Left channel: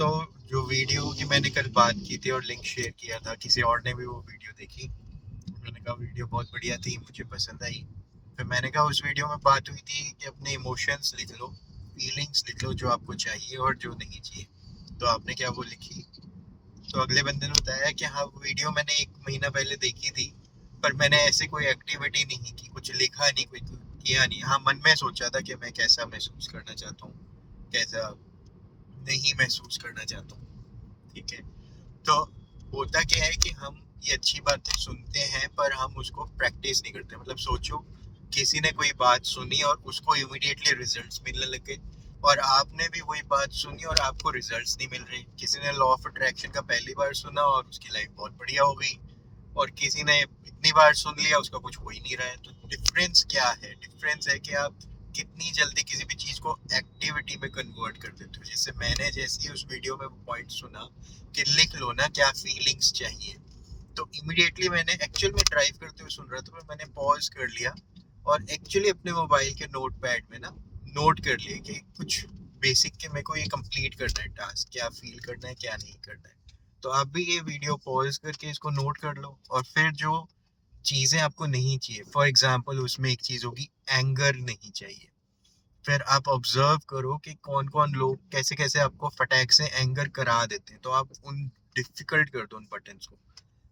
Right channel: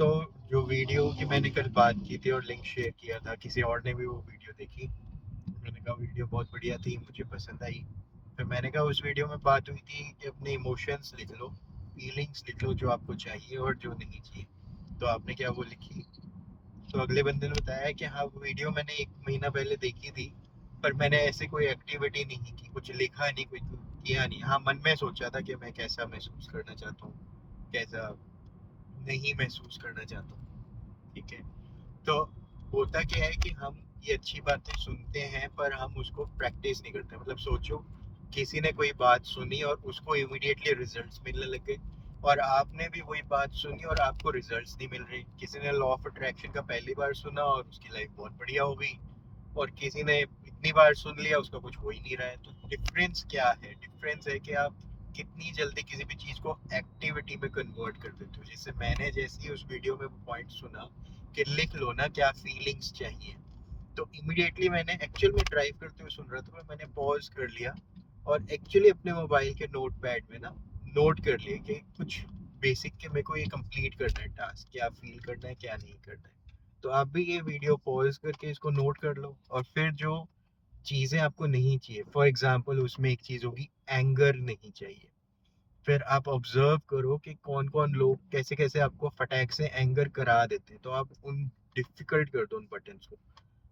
तो जो वीडियो की मैंने कल बात की थी और लिंक शेयर किया था, किसी और ने भी वो वीडियो देखी। मैंने कहा वीडियो बहुत बढ़िया थी, मुझे पसंद आई। फिर मैंने कहा उस वीडियो में बात हुई थी कि अपने इमोशंस लिख लो, फीलिंग्स लिख लो, जो आपको चाहिए और जो नहीं चाहिए। तो आपने क्या वो लिखी? तो अगले बंदे ने बताया कि हाँ, वो वीडियो मैंने 1 महीना पहले देखी थी, पर मैंने ऐसी कोई एक्टिविटी नहीं की, कुछ लिखा नहीं, कोई किया नहीं। हाँ, मन में सोचा था कि मैं कैसा महसूस करना चाहता हूँ, कैसा नहीं महसूस करना चाहता हूँ। ठीक है। तो होता क्या है कि हम ये अच्छी बातें सुनते हैं पर हम उसको प्रैक्टिस नहीं करते। मतलब सोचो, किसी ने कोई बात सुनी और उसको इमीडिएटली रिजल्ट्स मिलने लगे, और आपने भी वही बात सुनी और आपको रिजल्ट्स नहीं मिल रही। किसी ने लॉ ऑफ अट्रैक्शन का पहली बार सुना और उसकी लाइफ बहुत बढ़िया हो गई, और किसी ने इतनी बार सुन लिया उसका कुछ हो ही नहीं रहा है। तो डिफरेंस क्या है? डिफरेंस है कि आप कितनी जल्दी किसी भी चीज को एक्टिविटी में कन्वर्ट कर देते हो। जैसे मैंने जैसे ही उस वीडियो में पॉइंट सुना कि लिख लो ना क्या फीलिंग्स चाहिए, तो इमिडिएटली मैंने एक्चुअल में ड्राइव करते हुए सुन रहा था, मैंने पॉज कर लिया और एक्चुअली अपने मोबाइल के नोट पैड में ना नोट कर लिया कि कुछ बेसिक के मेरे को ये कंप्लीट करना है टास्क, क्या फील करना है क्या नहीं करना है। तो आप भी ये वीडियो पॉज करके इसको नोट कर लो, और फिर जो चीज़ें आपको नहीं चाहिए, फॉर एग्जांपल उसमें एक चीज़ होगी एंगर नहीं चाहिए। फिर आप ऑब्जर्व करो कि कौन कौन लोग कैसे कैसे आपको फटाक से एंगर करा देते हैं, तो आप उन डिफिकल्ट कर दो उन बटन्स को।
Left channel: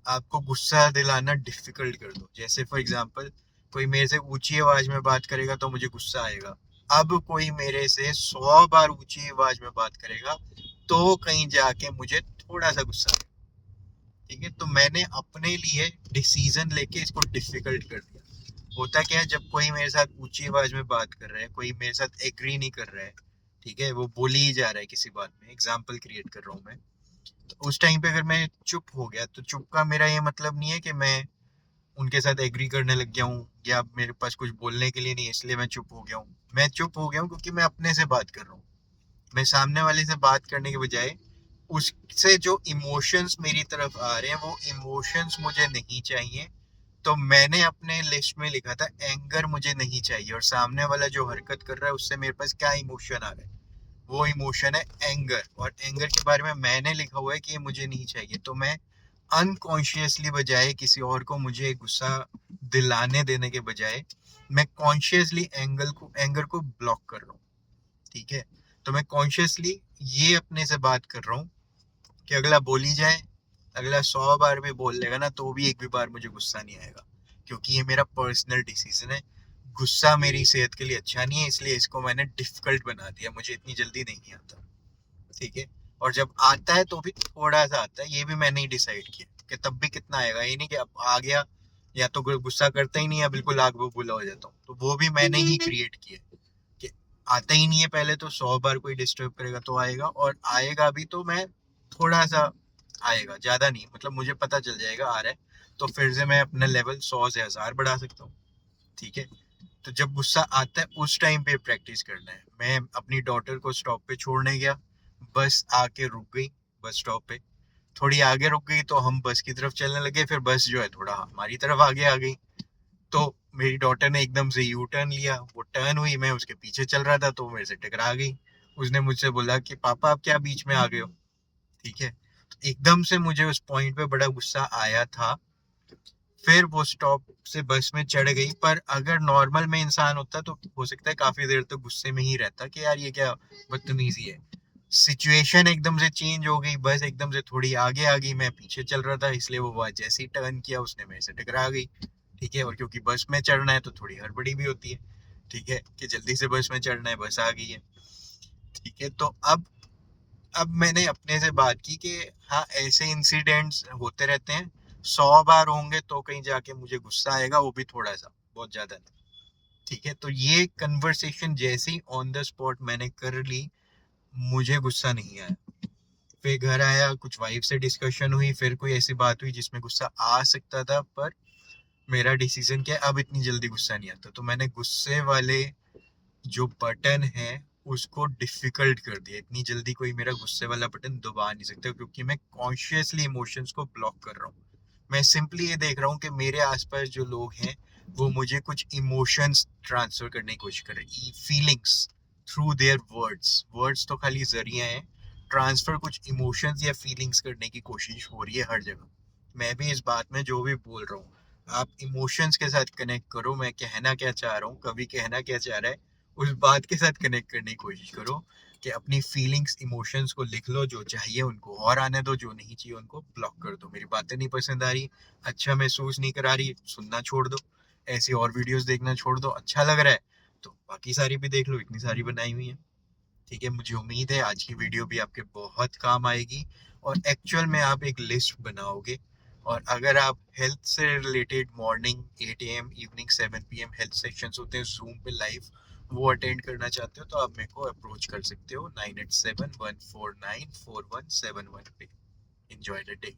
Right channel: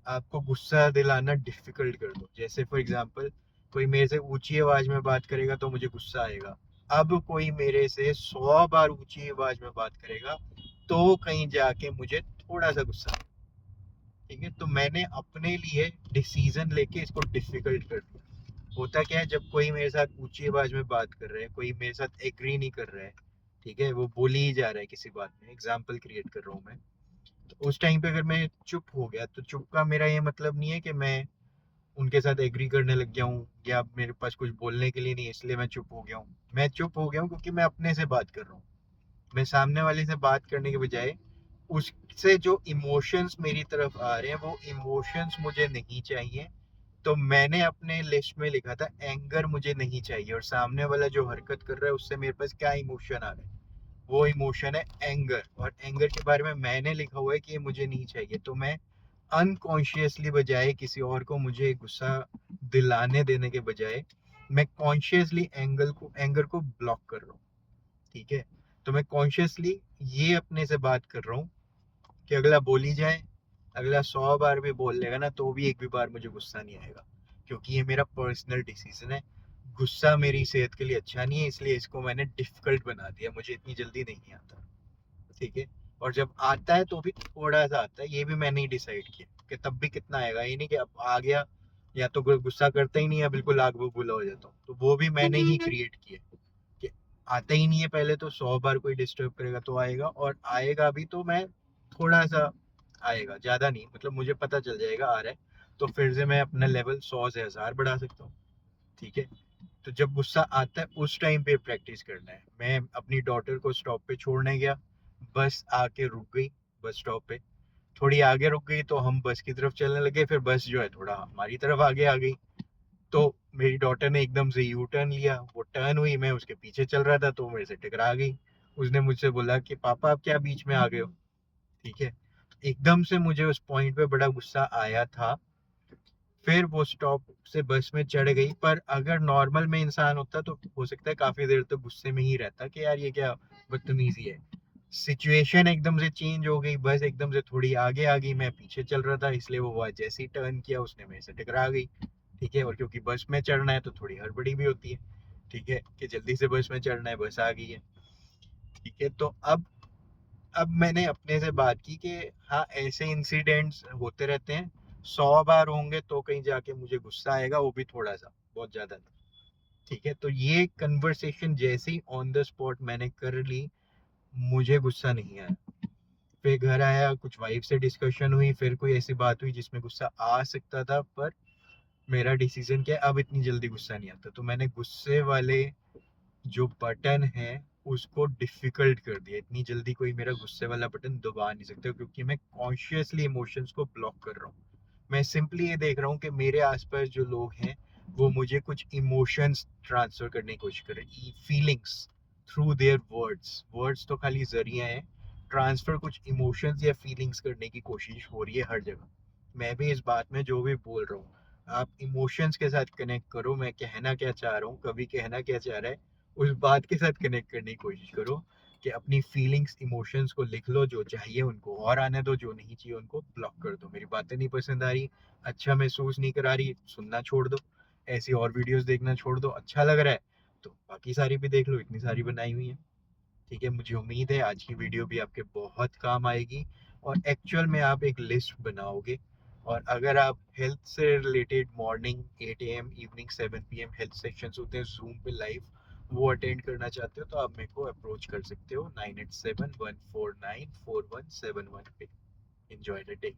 आपको गुस्सा दिलाना डिफिकल्ट कर दो। जैसे फॉर एग्जांपल कोई मेरे से ऊंची आवाज में बात करेगा तो मुझे गुस्सा आएगा। अब कोई मेरे से 100 बार ऊंची आवाज में बात करेगा तो कहीं जाके मुझे थोड़ा सा गुस्सा आएगा। ठीक है, तो मैंने अपने लिए डिसीजन लेके इसको डिफिकल्ट कर दिया। होता क्या है, जब कोई मेरे साथ ऊंची आवाज में बात कर रहा है, कोई मेरे साथ एग्री नहीं कर रहा है, ठीक है, वो बोली ही जा रहा है किसी बात में, एग्जाम्पल क्रिएट कर रहा हूँ मैं, तो उस टाइम पे अगर मैं चुप हो गया, तो चुप का मेरा ये मतलब नहीं है कि मैं उनके साथ एग्री करने लग गया हूँ या मेरे पास कुछ बोलने के लिए नहीं है इसलिए मैं चुप हो गया हूँ। मैं चुप हो गया हूँ क्योंकि मैं अपने से बात कर रहा हूँ। मैं सामने वाले से बात करने के बजाय उससे जो इमोशंस मेरी तरफ आ रहे हैं वो इमोशंस मुझे नहीं चाहिए। तो मैंने अपने लिस्ट में लिखा था एंगर मुझे नहीं चाहिए, और सामने वाला जो हरकत कर रहा है उससे मेरे पास क्या इमोशन आ रहा है, वो इमोशन है एंगर। और एंगर के बारे में मैंने लिखा हुआ है कि ये मुझे नहीं चाहिए। तो मैं अनकॉन्शियसली, बजाय किसी और को मुझे गुस्सा दिलाने देने के बजाय, मैं कॉन्शियसली एंगर को ब्लॉक कर रहा हूँ। ठीक है, तो मैं कॉन्शियसली ये अपने से बात कर रहा हूँ कि अगला बोली जाए, अगला 100 बार भी बोल लेगा ना तो भी एक भी बार मुझे गुस्सा नहीं आएगा, क्योंकि ये मेरा पर्सनल डिसीजन है। गुस्सा मेरी सेहत के लिए अच्छा नहीं है, इसलिए इसको मैंने डिफिकल्ट बना दिया, मुझे इतनी जल्दी नहीं आता। ठीक है, और जब आता है तो भी थोड़ा सा आता है, ये भी मैंने ही डिसाइड किया कि तब भी कितना आएगा, ये नहीं कि अब आ गया या तो गुस्सा करता ही नहीं है, बिल्कुल आग बबूला हो जाता हूँ। तो वो भी मैंने ही क्रिएट किया कि आता ही नहीं है पहले, तो 100 बार कोई डिस्टर्ब करेगा तो आएगा, और आएगा भी तो मैं थोड़ा सा आएगा, ज्यादा नहीं, मतलब मुझे पता चल जाएगा आ रहा है, तो फिर से मैं अपना लेवल 100 से 1000 बढ़ा सकता हूँ। ठीक है, तो जब गुस्सा आता है उस टाइम पे प्रैक्टिस करना है। मैं अपनी डॉटर को स्टॉप पे छोड़ने गया, बस आके रुक गई बस स्टॉप पे, थोड़ी आगे रुक गई तो हम बस की तरफ चलने लगे, फिर बस जो है थोड़ा हमारी तरफ आगे आ गई। तो मेरी डॉटर ने एकदम से यू टर्न लिया, वो टर्न हुई, मैं उसके पीछे चल रहा था तो वो मेरे से टकरा गई। उसने मुझसे बोला कि पापा आप क्या बीच में आ गए हो। ठीक है, तो एकदम से मुझे उस पॉइंट पे बड़ा गुस्सा आया था। फिर वो स्टॉप से बस में चढ़ गई, पर अगर नॉर्मल में इंसान होता तो हो सकता है काफी देर तक गुस्से में ही रहता कि यार ये क्या बदतमीजी है। सिचुएशन एकदम से चेंज हो गई, बस एकदम से थोड़ी आगे आ गई, मैं पीछे चल रहा था, इसलिए वो जैसे ही टर्न किया उसने मेरे से टकरा गई। ठीक है, और क्योंकि बस में चढ़ना है तो थोड़ी हड़बड़ी भी होती है, ठीक है, कि जल्दी से बस में चढ़ना है, बस आ गई है। ठीक है, तो अब मैंने अपने से बात की कि हाँ, ऐसे इंसिडेंट्स होते रहते हैं, 100 बार होंगे तो कहीं जाके मुझे गुस्सा आएगा, वो भी थोड़ा सा, बहुत ज्यादा नहीं। ठीक है, तो ये कन्वर्सेशन जैसे ही ऑन द स्पॉट मैंने कर ली, मुझे गुस्सा नहीं आया। फिर घर आया, कुछ वाइफ से डिस्कशन हुई, फिर कोई ऐसी बात हुई जिसमें गुस्सा आ सकता था, पर मेरा डिसीजन क्या है, अब इतनी जल्दी गुस्सा नहीं आता। तो मैंने गुस्से वाले जो बटन है उसको डिफिकल्ट कर दिया। इतनी जल्दी कोई मेरा गुस्से वाला बटन दबा नहीं सकता, क्योंकि मैं कॉन्शियसली इमोशंस को ब्लॉक कर रहा हूँ। मैं सिंपली ये देख रहा हूँ कि मेरे आसपास जो लोग हैं वो मुझे कुछ इमोशंस ट्रांसफर करने की कोशिश कर रहे हैं, feelings, through their words. Words तो खाली जरिया है, ट्रांसफर कुछ इमोशंस या फीलिंग्स करने की कोशिश हो रही है हर जगह। मैं भी इस बात में जो भी बोल रहा हूँ, आप इमोशंस के साथ कनेक्ट करो, मैं कहना क्या चाह रहा हूँ, कभी कहना क्या चाह रहा है, उस बात के साथ कनेक्ट करने की कोशिश करो। कि अपनी फीलिंग्स इमोशंस को लिख लो, जो चाहिए उनको और आने दो, जो नहीं चाहिए उनको ब्लॉक कर दो। मेरी बातें नहीं पसंद आ रही, अच्छा महसूस नहीं करा रही, सुनना छोड़ दो। ऐसी और वीडियोस देखना छोड़ दो। अच्छा लग रहा है तो बाकी सारी भी देख लो, इतनी सारी बनाई हुई है। ठीक है, मुझे उम्मीद है आज की वीडियो भी आपके बहुत काम आएगी और एक्चुअल में आप एक लिस्ट बनाओगे। और अगर आप हेल्थ से related morning 8 AM evening 7 PM health sections होते हैं जूम पे लाइव, वो अटेंड करना चाहते हो तो आप मेरे को अप्रोच कर सकते हो 9871494171 पे। Enjoy the day.